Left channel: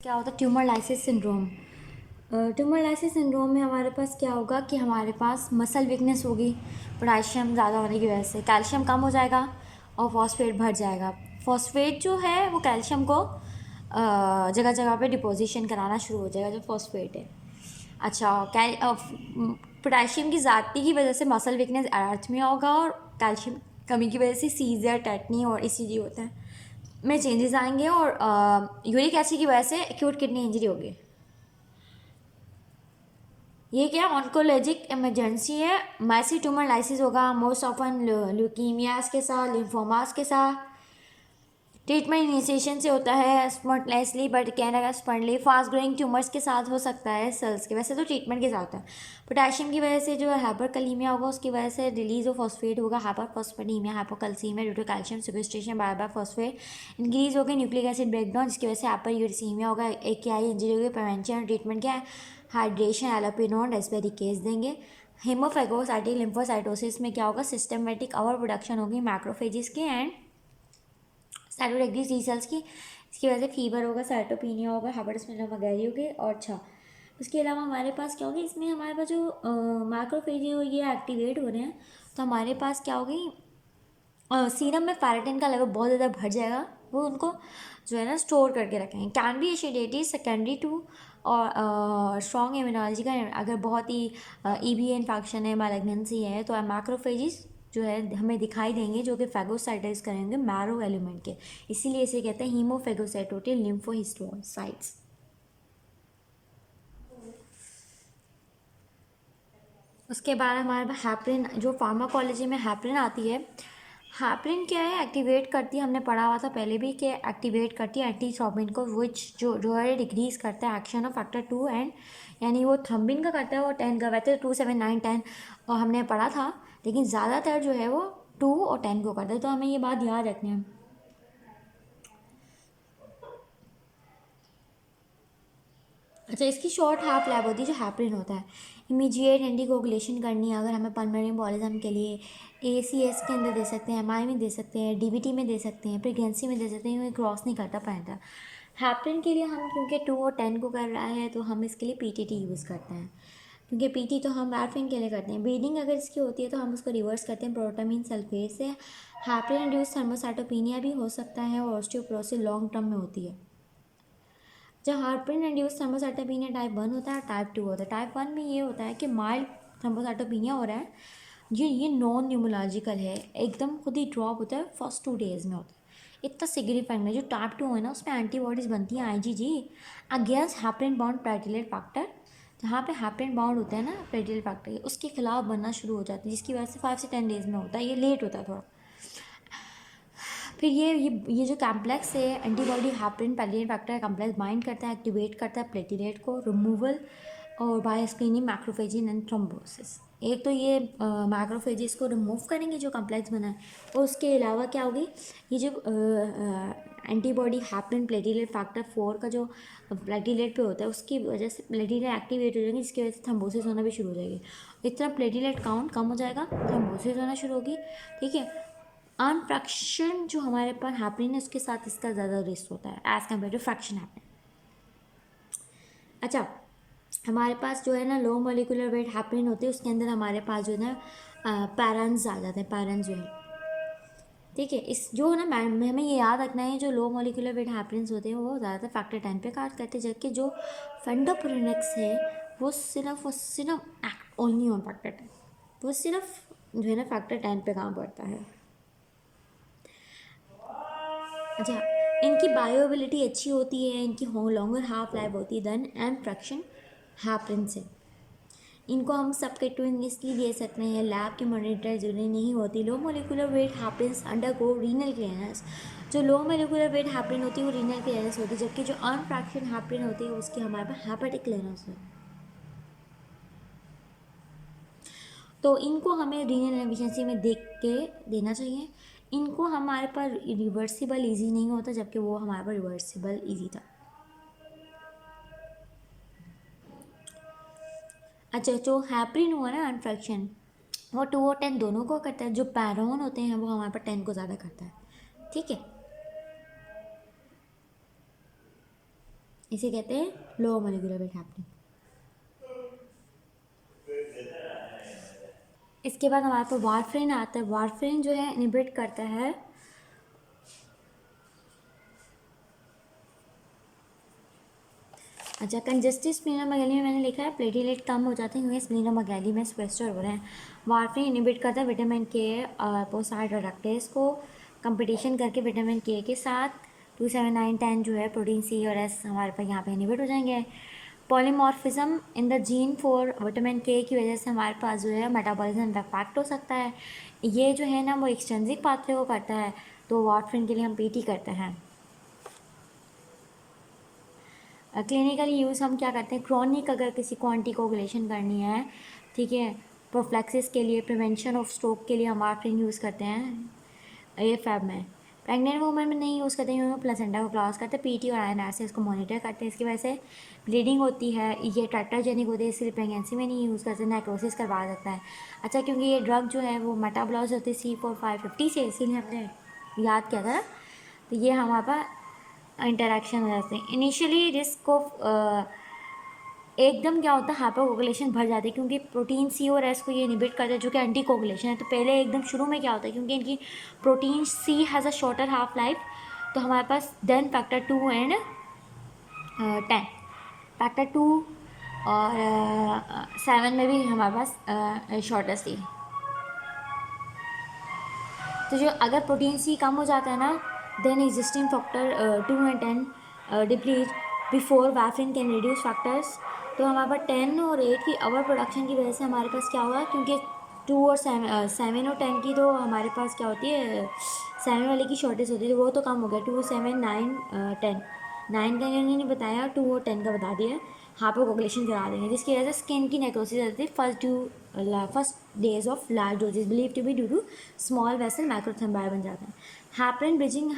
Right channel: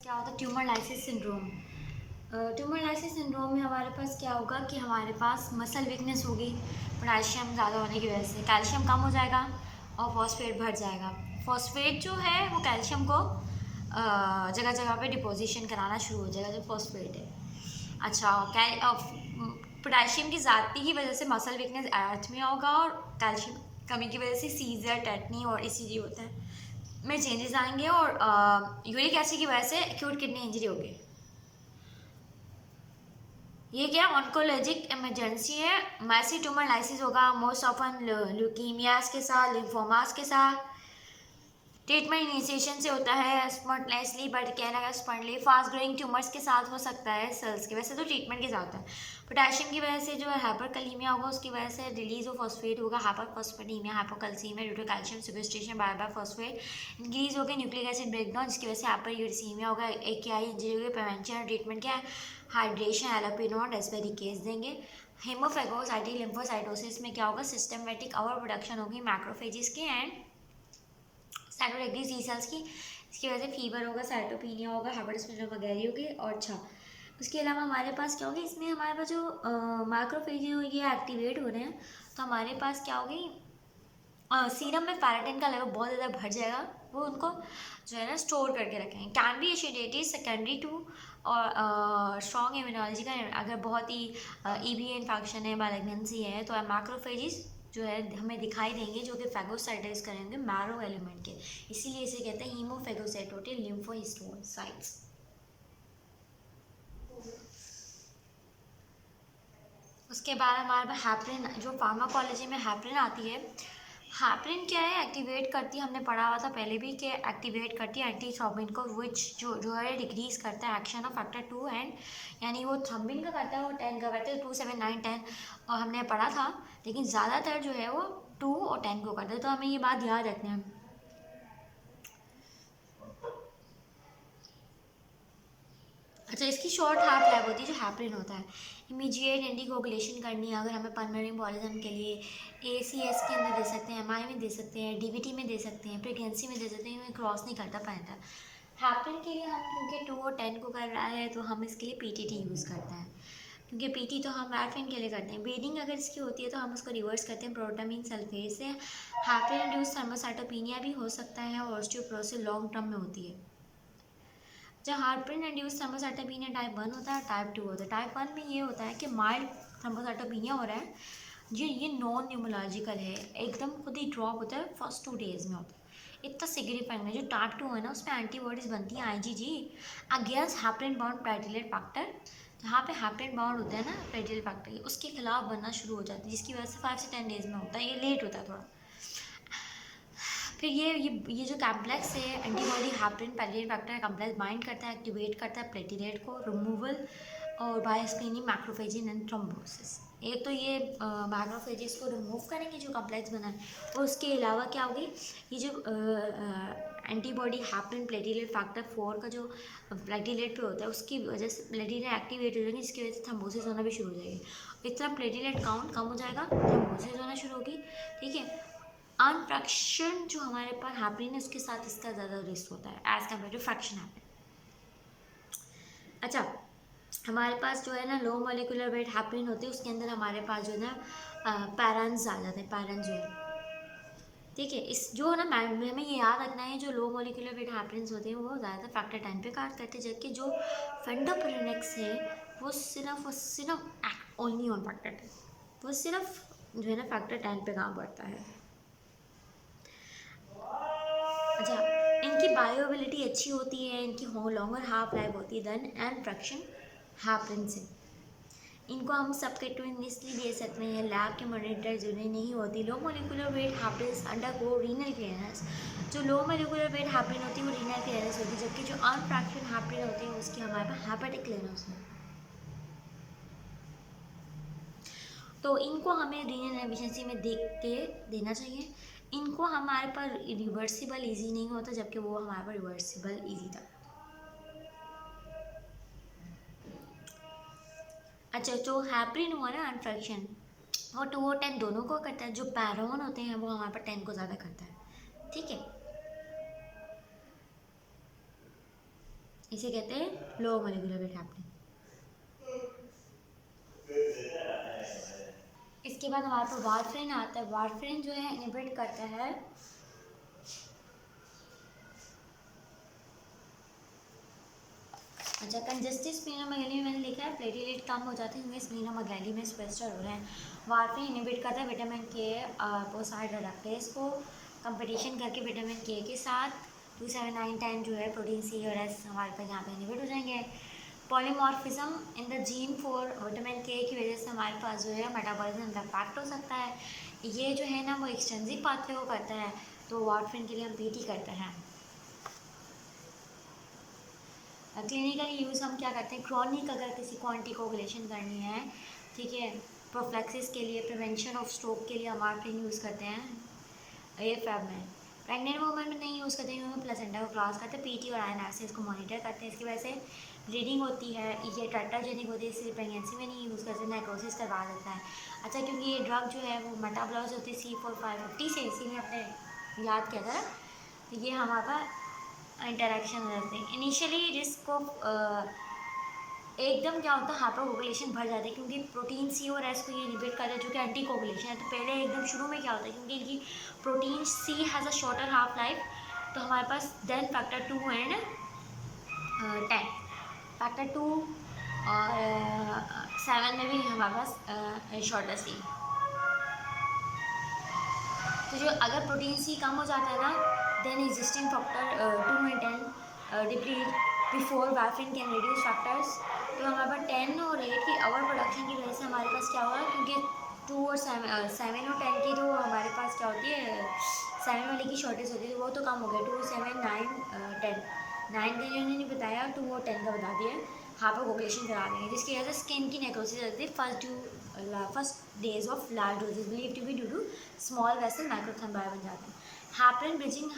क्या होता है tumour lysis syndrome. Tumour lysis syndrome में हमारे पास क्या होगा कि हमारे पास मसल वीकनेस होगी पोटेशियम ज़्यादा होने की वजह से, कैल्शियम कम हो जाएगा और फॉस्फेट बढ़ जाएगा। फॉस्फेट जो है वो कैल्शियम को जगह जगह पे डिपोजिशन कराना शुरू हो जाएगा जो फॉस्फेट है। अच्छा, पोटेशियम की ज़्यादती की वजह से मसल वीकनेस एर्थमिया होगा और कैल्शियम कमी की वजह से सीजर, टेटनी और ईसीजी होता है में चेंजेस आएंगे और यूरिक एसिड की वजह से एक्यूट किडनी इंजरी होगी। ये क्या ऑन्कोलॉजिक इमरजेंसी है। मैसी ट्यूमर लाइसिस होगा मोस्ट ऑफन ल्यूकीमियाज के साथ, लिम्फोमास के साथ। ट्रीटमेंट इनिशिएशन से होता है स्पॉन्टेनियसली बट कैन अगर स्पॉन्टली फास्ट ग्रोइंग ट्यूमर्स के साथ हो सकता है सेल्स के, वैसे तो ट्रीटमेंट के साथ है। पोटेशियम की वजह से जो हाइपरकलीमिया होगा उसकी वजह से रिलीज ऑफ फॉस्फेट होगा, hyperphosphataemia, hypocalcaemia due to calcium sequestration by by phosphate increase होगी, न्यूक्लिक एसिड ब्रेकडाउन जिसकी वजह से हाइपरयूरेसीमिया होगा, AKI इंजरी होगी। प्रिवेंशन और ट्रीटमेंट क्या है, हाइड्रेशन, एलोपिनोन, रेस्पेरिकेस देंगे। हेमोफेगोसाइटिक लिम्फोसाइटोसिस में क्या होगा, सिस्टमेटिक ओवर प्रोडक्शन होगी मैक्रोफेजिस की एंड साइटोरेक्टिव सी सेल्स की, इसकी वजह से फीवर होगा, साइटोपिनिया होगा, हाइपरस्प्लेनोमेगाली होगी। और अच्छा, इसके अलावा हमारे पास क्या होगी, इसमें हमारे पास जो मैक्रोफेज ये एक्टिवेट हो रहे हैं तो हमारे पास क्या होगी, सीरम में फेरेटिन का लेवल बहुत ज़्यादा बढ़ जाएगा, वो उनको जो है ना स्टोर करके रखेंगे। Can be acidity secondary to और स्ट्रॉन्ग इम्यूनोलॉजी का, अगर बहुत ही EBA इन्फेक्शन है, मैलिग्नेंसी है तो मैक्रोफेजिस जो है हमें दिखाई देंगे जो कि फैगोसाइटाइज करेंगे मैरो एलिमेंट के, इसीलिए इसे कहते हैं हीमोफेगोसाइटोटिक लिम्फोहिस्टोसाइट्स। उसके बाद हमारे पास हैप्रिन, जो फार्माकोलॉजी में हैप्रिन आती है। हैप्रिन क्या है, एक्टिवेट करती है, हमने पढ़ा हुआ था पहले भी कि एक्टिवेट करती है एंटी थ्रोम्बिन को, विच जो है डिक्रीज करता है एक्शन ऑफ फैक्टर 2 एंड, यानी वो थ्रोम्बिन का करता है वो 10 का, वैसे 2 7 9 10 और हमने पढ़ा था, लेकिन ज़्यादातर जो है वो 2 और 10 को करता है, तो हमें ये बात याद रखना है। अच्छा, इसकी शॉर्ट हाफ लैब होती है जो हैप्रिन होता है। इमीडिएट एंटीकोगुलेशन करनी है अगर हमें पल्मोनरी एम्बोलिज्म के लिए, ACS के अंदर दे सकते हैं, MI में दे सकते हैं, DVT में दे सकते हैं, प्रेगनेंसी में दे सकते हैं, ये क्रॉस नहीं करता पैंटा। हैप्रिन के लिए हम क्योंकि 2 और 10 को कर रहा है तो हम इसके लिए PTT यूज़ करते हैं, क्योंकि PT तो हम वैरफिन के लिए करते हैं। ब्लीडिंग अगर इसकी होती है तो हम उसको रिवर्स करते हैं प्रोटामीन सल्फेट से। हैप्रिन इंड्यूस थर्मोसाइटोपिनिया भी हो सकता है और ऑस्टियोपोरोसिस लॉन्ग टर्म में होती है। जब हार्पिन इंड्यूस थ्रोम्बोसाइटोपेनिया टाइप 1 होता है, टाइप 2 होता है। टाइप 1 में ये होता है कि माइल्ड थ्रोम्बोसाइटोपेनिया हो रहा है, ये नॉन न्यूमोलॉजिकल है, एकदम खुद ही ड्रॉप होता है, फर्स्ट 2 डेज में होता है, इतना सिग्निफिकेंट है। जो टाइप 2 है ना उसमें एंटीबॉडीज बनती हैं IgG against heparin bound platelet factor, जहाँ पे हैप्रिन बाउंड होता है ना प्लेटलेट फैक्टर, उसके खिलाफ बनना शुरू हो जाती है, जिसकी वजह से 5 से 10 डेज में होता है, ये लेट होता है थोड़ा। फिर ये जो कॉम्प्लेक्स है एंटीबॉडी हैप्रिन पैलियन फैक्टर कॉम्प्लेक्स बाइंड करता है, एक्टिवेट करता है प्लेटलेट को, रिमूवल और बाय स्क्रीनिंग मैक्रोफेजिन एंड थ्रोम्बोसिस। एक तो ये मैक्रोफेजिस को रिमूव करेंगे जो कॉम्प्लेक्स बना है, और उसके अलावा क्या होगी, ये जो एंटीबॉडी हैप्रिन प्लेटलेट फैक्टर 4 का जो प्लेटलेट पे होता है उसकी वजह से प्लेटलेट एक्टिवेट हो जाएंगे, जिसकी वजह से थ्रोम्बोसिस होना भी शुरू हो जाएगी। इतना प्लेटलेट काउंट कम हो जाएगा, थ्रोम्बोसिस होना शुरू होगी। ठीक है, अनफ्रैक्शन जो हमारे पास हैपनिंग है उसके साथ इसका ज़्यादा रिस्क होता है as compare to fraction happening. अच्छा, हमारे पास जो है ना लो मोलिकुलर वेट हैपनिंग होती है, उसके अंदर हमारे पास जो है ना पैरन्स आ जाते हैं, पैरन्स जो है। ठीक है, इस जो ना हमें ये याद रखना है, जो लो मोलिकुलर वेट हैपनिंग्स होते हैं वो ज़्यादातर फैक्टर 10 पे काम करते हैं, जबकि जो फंडोप्रोनिक्स है वो सिर्फ और सिर्फ एक्ट ओनली ऑन फैक्टर 10, वो सिर्फ जो है ना फैक्टर 10 पे काम करता है। अच्छा, इनकी बायोबिलिटी अच्छी होती है, इनकी लॉन्गर हाफ लाइफ होती है देन एंड फ्रैक्शन हैपन से। इनको हम सबकैटेनियसली दे सकते हैं, लैब की मॉनिटर जरूरी नहीं होती। Low molecular weight heparins undergo renal clearance. जो लो मोलिकुलर वेट हैपन होती है वो रीनल क्लियरेंस होती है, जबकि जो अनफ्रैक्शन हैपन होती है उसकी हमारे पास हेपेटिक क्लियरेंस है। तो इनको हमें रीनल एफिशिएंसी में देख के देना चाहिए। इनको हमारे पास रिवर्सिबल इजी नहीं होता, जबकि वो हमारे पास रिवर्सिबल इजी था। अच्छा, जो हैपरिन हुआ ना अनफ्रैक्शन, वो 2 और 10 दोनों को करता है, जो पैरोन होते हैं वो हमारे पास 10 को ज़्यादा करता है। ठीक है, इसे कहते हैं लो मोलिकुलर वेट हैपनिंग। इसके बाद हमारे पास वारफेरिन आता है। वारफेरिन जो है इनहिबिट करता है अच्छा कंजस्टिव स्प्लीनोमेगैली में मैंने लिखा है प्लेटलेट कम हो जाते हैं क्योंकि स्प्लीनोमेगैली में स्वेस्टर हो रहे हैं। वारफेरिन इनहिबिट करता है विटामिन के पोसाइड रिडक्टेज को कंपटीशन करके विटामिन के साथ 2, 7, 9, 10 जो है प्रोटीन सी और एस हमारे पास यहाँ पे इनहिबिट हो जाएंगे। Polymorphism in the gene for vitamin के की वजह से हमारे पास जो है मेटाबॉलिज्म इफेक्ट हो सकता है। ये जो है ना वो एक्सटेंसिव पाथवे को करता है, तो वारफेरिन के लिए हम पीटी करते हैं। क्लिनिकली यूज़ हम क्या करते हैं, क्रॉनिक अगर किसी को एंटीकोगुलेशन करनी है, ठीक है, प्रोफ्लैक्सिस के लिए, प्रिवेंशन ऑफ स्ट्रोक के लिए हम वारफेरिन यूज़ करते हैं AFib में। प्रेग्नेंट वूमेन में नहीं यूज़ करते क्योंकि प्लेसेंटा को क्रॉस करते हैं, पीटी और INR से इसको मॉनिटर करते हैं। इसकी वजह से ब्लीडिंग होती है, ये टेट्राजेनिक होती है, इसलिए प्रेगनेंसी में नहीं यूज़ करते, नेक्रोसिस करवा देता है। अच्छा क्योंकि ये ड्रग जो है वो मेटाबॉलाइज होती है C4550 से, इसीलिए हमने याद किया था। तो ये हमारे पास इंटरेक्शन हो जाते हैं। इनिशियली रिस्क ऑफ एकदम क्या होता है हाइपोकोगुलेशन बढ़ जाती है क्योंकि प्रोटीन सी और एस को ये इनहिबिट करते हैं जो कि एंटी कोगुलेशन है। तो पहले एकदम शुरू में क्या होता है क्योंकि इनकी protein C has a shorter half life, तो हमारे पास देन फैक्टर 2 एंड 10, फैक्टर 2 और 7 में भी हमारे पास शॉर्टर सी। तो जो अगर प्रोटीन सी कम हो जाता है ना, then existing factor 2 and 10 deplete before warfarin can reduce factors. तो हमारे पास 10 और 8 की ओवर प्रोडक्शन की वजह से हमारे पास क्या होगा, क्योंकि 2 और 7 और 10 की तो हमारे पास क्या होती है, 7 वाले की शॉर्टेज होती है, तो वो तो कम हो गया। 2, 7, 9, 10, 9 का इन्होंने नहीं बताया, 2 और 10 का बता दिया। हाइपोकोगुलेशन करा देंगे जिसकी वजह से स्किन की नेक्रोसिस होती है first days of large doses believe to be due to small vessel microthrombi बन जाते हैं। हैपरिन ब्रिजिंग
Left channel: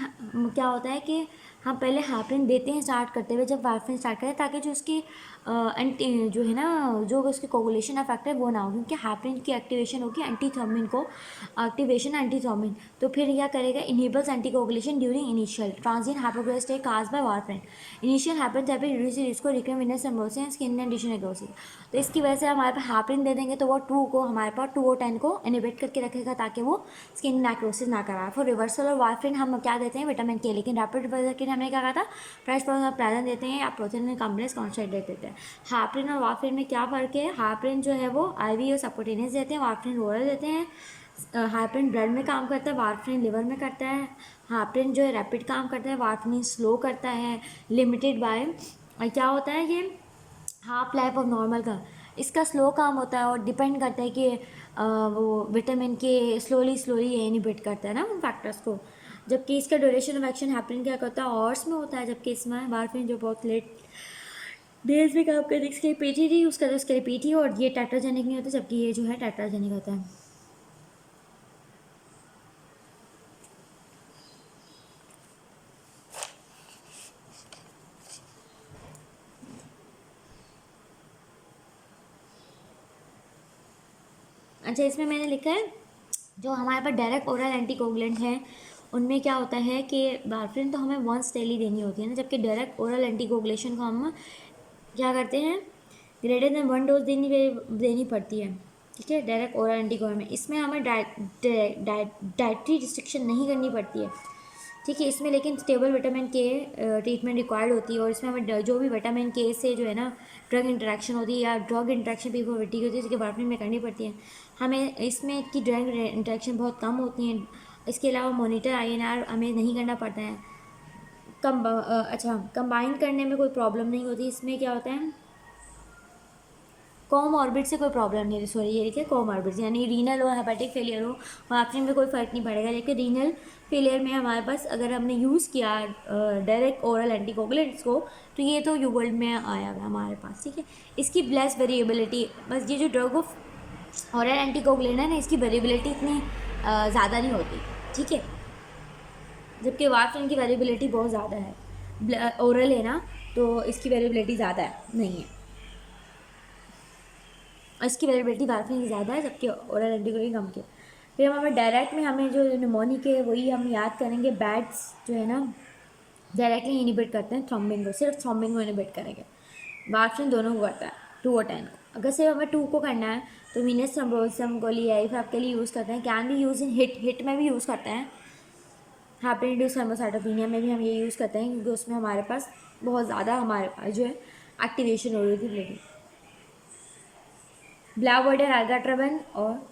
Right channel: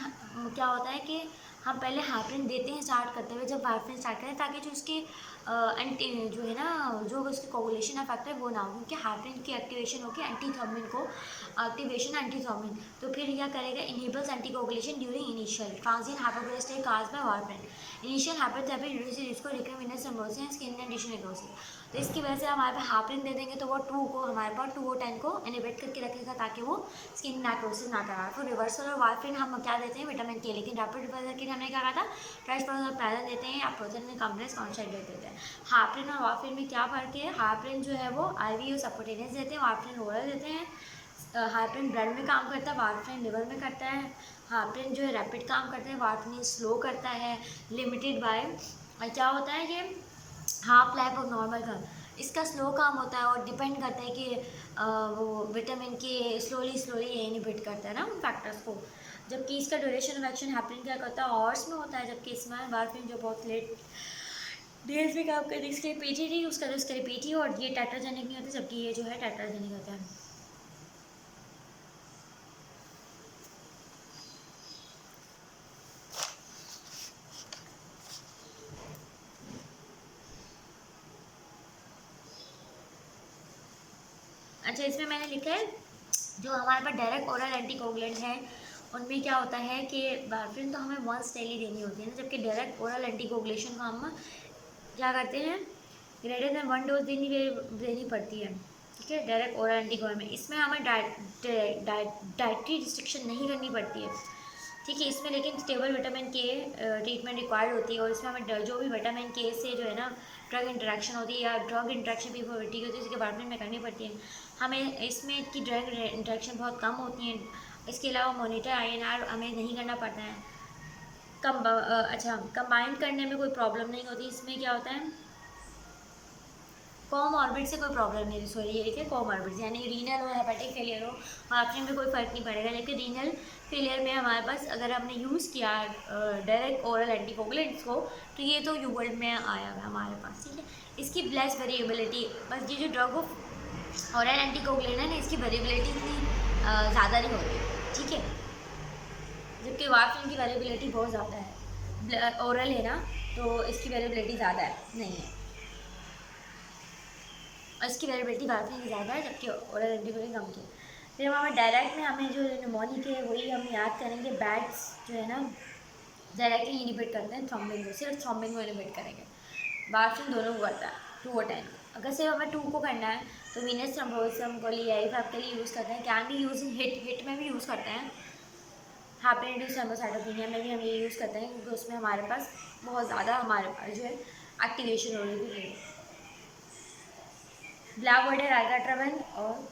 क्या होता है कि हम पहले हैपरिन देते हैं स्टार्ट करते हुए जब वारफेरिन स्टार्ट करें, ताकि जो उसकी एंटी जो है ना जो उसकी कोगुलेशन इफेक्ट है वो ना हो, क्योंकि हैपरिन की एक्टिवेशन होगी एंटीथर्मिन को, एक्टिवेशन एंटीथर्मिन, तो फिर क्या करेगा, inhibits anticoagulation during initial transient hypoxia stage caused by warfarin. Initial heparin therapy reduces risk of recurrent venous thrombosis and skin condition necrosis. तो इसकी वजह से हमारे पास हैपरिन दे देंगे तो वो 2 को हमारे पास 2 और 10 को इनहिबिट करके रखेगा ताकि वो स्किन नेक्रोसिस ना कराए। फिर रिवर्सल और वारफेरिन हम क्या देते हैं, विटामिन के, लेकिन रैपिड रिवर्सल के लिए हमने क्या कहा था, फ्रेश प्लाजन देते हैं या प्रोथेनिन कॉम्प्लेक्स कॉन्सेंट्रेट देते हैं। हाइपरिन और वारफेरिन में क्या फ़र्क है, हाइपरिन जो है वो IV और सबक्यूटेनियस देते हैं, वारफेरिन ओरल देते हैं। हाइपरिन ब्लड में काम करता है, वारफेरिन लिवर में करता है। हाइपरिन जो है रैपिड काम करता है, वारफेरिन स्लो करता है, लिमिटेड बाय क्या होता है ये हाफ लाइफ ऑफ नॉर्मल का, इसका स्लो काम होता है और डिपेंड करता है कि वो विटामिन के स्लोली ये इनहिबिट करता है ना उन फैक्टर्स को, जबकि इसका ड्यूरेशन ऑफ एक्शन हैपनिंग क्या करता है आवर्स में होता है, जबकि इसमें वारफेरिन जो बहुत लेट डेज में काम करते हैं, इसके लिए PTT यूज़ करते हैं, उसके लिए PT, और ये टेट्राजेनिक नहीं होता, जबकि ये जो है टेट्राजेनिक होता है। अच्छा इसमें मैंने लिखा है जो हमारे पास डायरेक्ट ओरल एंटीकोगुलेंट हैं उनमें क्या होता है कि वारफेरिन तो हमें वंस डेली देनी होती है ना, जबकि डायरेक्ट ओरल एंटीकोगुलेशन को हम क्या करते हैं, ग्रेटर देन 1 डोज देनी पड़ती है, ठीक है, डायरेक्ट ओरल एंटीकोगुलेंट में। इसमें हमें डाइटरी रिस्ट्रिक्शन नहीं करनी पड़ती है, ठीक है, इसमें लेकिन स्टेबल विटामिन के ट्रीटमेंट रिक्वायर्ड होती है, और इसमें हमें जो भी विटामिन के से जो है ना ड्रग इंटरेक्शन होती है या ड्रग इंटरेक्शन पिफोविटी होती है इसके वारफेरिन में करनी पड़ती है। हमें इसमें की ड्रग इंटरेक्शन बहुत कम होती हैं। इसके अलावा मॉनिटर INR हमें नहीं करना पड़ता है। अच्छा कंबाइन करने में कोई प्रॉब्लम नहीं होती। इसमें क्या होता है, कोमॉर्बिड से कोई प्रॉब्लम नहीं, सॉरी ये लिखे कोमॉर्बिड, यानी रीनल हो हेपेटिक फेलियर हो वारफेरिन में कोई फ़र्क नहीं पड़ेगा। लेकिन रीनल फेलियर में हमारे पास अगर हमने यूज़ किया डायरेक्ट ओरल एंटीकोगुलेंट्स को, तो ये तो यूवर्ल्ड में आया हुआ हमारे पास, ठीक है। इसकी ब्लेस वेरिएबिलिटी, बस ये जो ड्रग ऑफ ओरल एंटीकोगुलेंट है ना, इसकी वेरिएबिलिटी इतनी ज़्यादा नहीं होती, ठीक है, जबकि वारफेरिन की वेरिएबिलिटी बहुत ज़्यादा है। ओरल है ना तो इसकी वेरिएबिलिटी ज़्यादा है नहीं है, इसकी वेरिएबिलिटी वारफेरिन की ज़्यादा है, जबकि ओरल एंटीकोगुलेंट कम की। फिर हमारे डायरेक्ट में हमें जो निमोनिक है वही हम याद करेंगे, बैट्स जो है ना डायरेक्टली इनिबिट करते हैं थ्रोम्बिन को, सिर्फ थ्रोम्बिन को इनिबिट करेंगे। वार्फरिन दोनों को करता है 2 और 10। अगर सिर्फ हमें 2 को करना है तो वीनस थ्रोम्बोसिस को लिए के लिए यूज़ करते हैं। कैन भी यूज़ इन हिट में भी यूज़ करते हैं। हाइपर इंड्यूस थ्रोम्बोसाइटोपेनिया में भी हम ये यूज़ करते हैं, क्योंकि उसमें हमारे पास बहुत ज़्यादा हमारे पास जो है एक्टिवेशन हो रही थी ब्लीडिंग। ब्लैकबॉर्डर एल्गाट्राबिन, और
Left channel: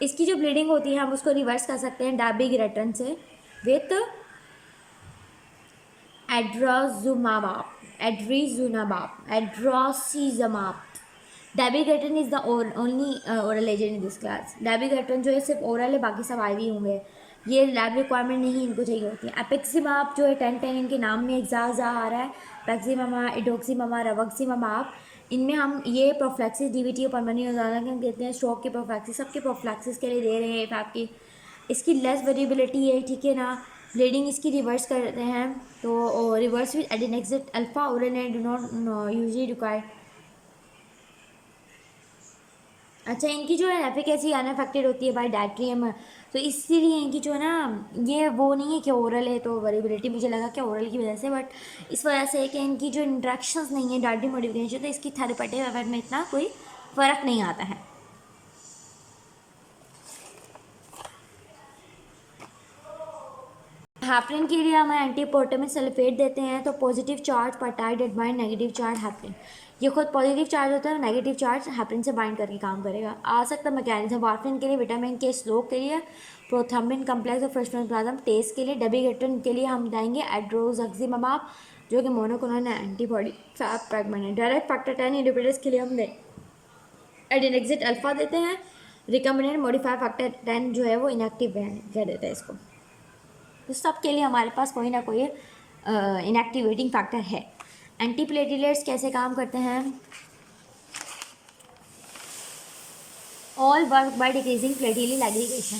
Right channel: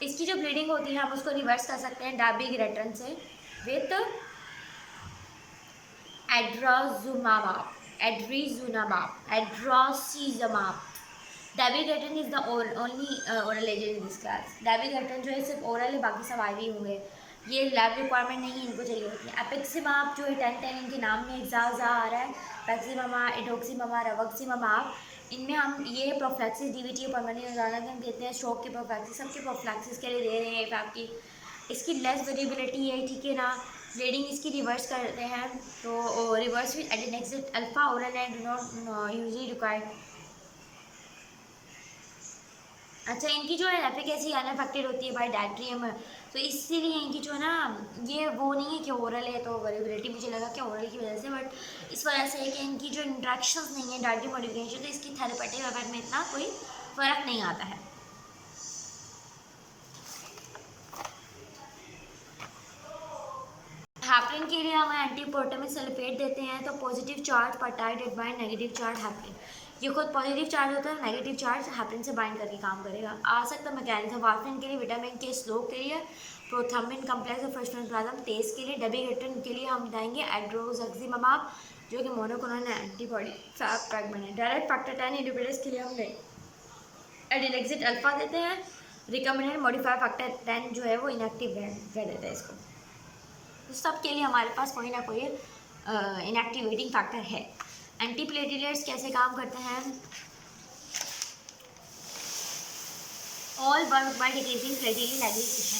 इसकी जो ब्लीडिंग होती है हम उसको रिवर्स कर सकते हैं डाबिग्रेटन से with idarucizumab. Dabigatran is the only oral agent in this class. Dabigatran जो है सिर्फ ओरल है, बाकी सब आईवी होंगे, ये लैब रिक्वायरमेंट नहीं इनको चाहिए होती है। एपिक्सिमाब जो है 10-10 इनके नाम में जा आ रहा है, पैक्सिमामा, इडोक्सीमामा, रवक्सीमाब, इनमें हम ये प्रोफ्लैक्सिस डीवीटी परमानेंट नजारा के हम देते हैं, स्ट्रोक की प्रोफ्लैक्सिस, सबके प्रोफ्लैक्सिस के लिए दे रहे हैं फैप की। इसकी लेस वेरिएबिलिटी है, ठीक है ना। ब्लीडिंग इसकी रिवर्स करते हैं तो reverse with andexanet alpha oral and do not usually required. अच्छा, इनकी जो है एफिकेसी अनअफेक्टेड होती है बाय डायट्रियम, तो इसीलिए इनकी जो है ना ये वो नहीं है कि ओरल है तो वेरिएबिलिटी, मुझे लगा कि ओरल की वजह से, बट इस वजह से है कि इनकी जो इंट्रैक्शंस नहीं है डायट्री मॉडिफिकेशन, तो इसकी थेरेपेटिक इफेक्ट में इतना कोई फ़र्क नहीं आता है। हैपरिन के लिए हम एंटीपोटामिक सल्फेट देते हैं, तो positive charge peptide bind negative charge heparin. ये खुद पॉजिटिव चार्ज होता है, नेगेटिव चार्ज हैपरिन से बाइंड करके काम करेगा। आ सकता है मैकेनिज्म वार्फरिन के लिए विटामिन के स्लोक के लिए, प्रोथम्बिन कम्प्लेक्स और फ्रस्टोप्लाज्म टेस्ट के लिए, डेबिगेट्रिन के लिए हम देंगे एड्रोजक्सिमाब जो कि मोनोक्लोनल एंटीबॉडी फैप फ्रैगमेंट है। डायरेक्ट फैक्टर 10 इनहिबिटर्स के लिए हम एडिनेक्सिट अल्फा देते हैं। रिकम्बिनेंट मॉडिफायर फैक्टर 10 जो है वो इनएक्टिव रह देता है इसको। तो सब के लिए हमारे पास कोई ना कोई इनएक्टिवेटिंग फैक्टर है। एंटीप्लेटिलेट्स कैसे काम करते हैं? All work by decreasing platelet aggregation.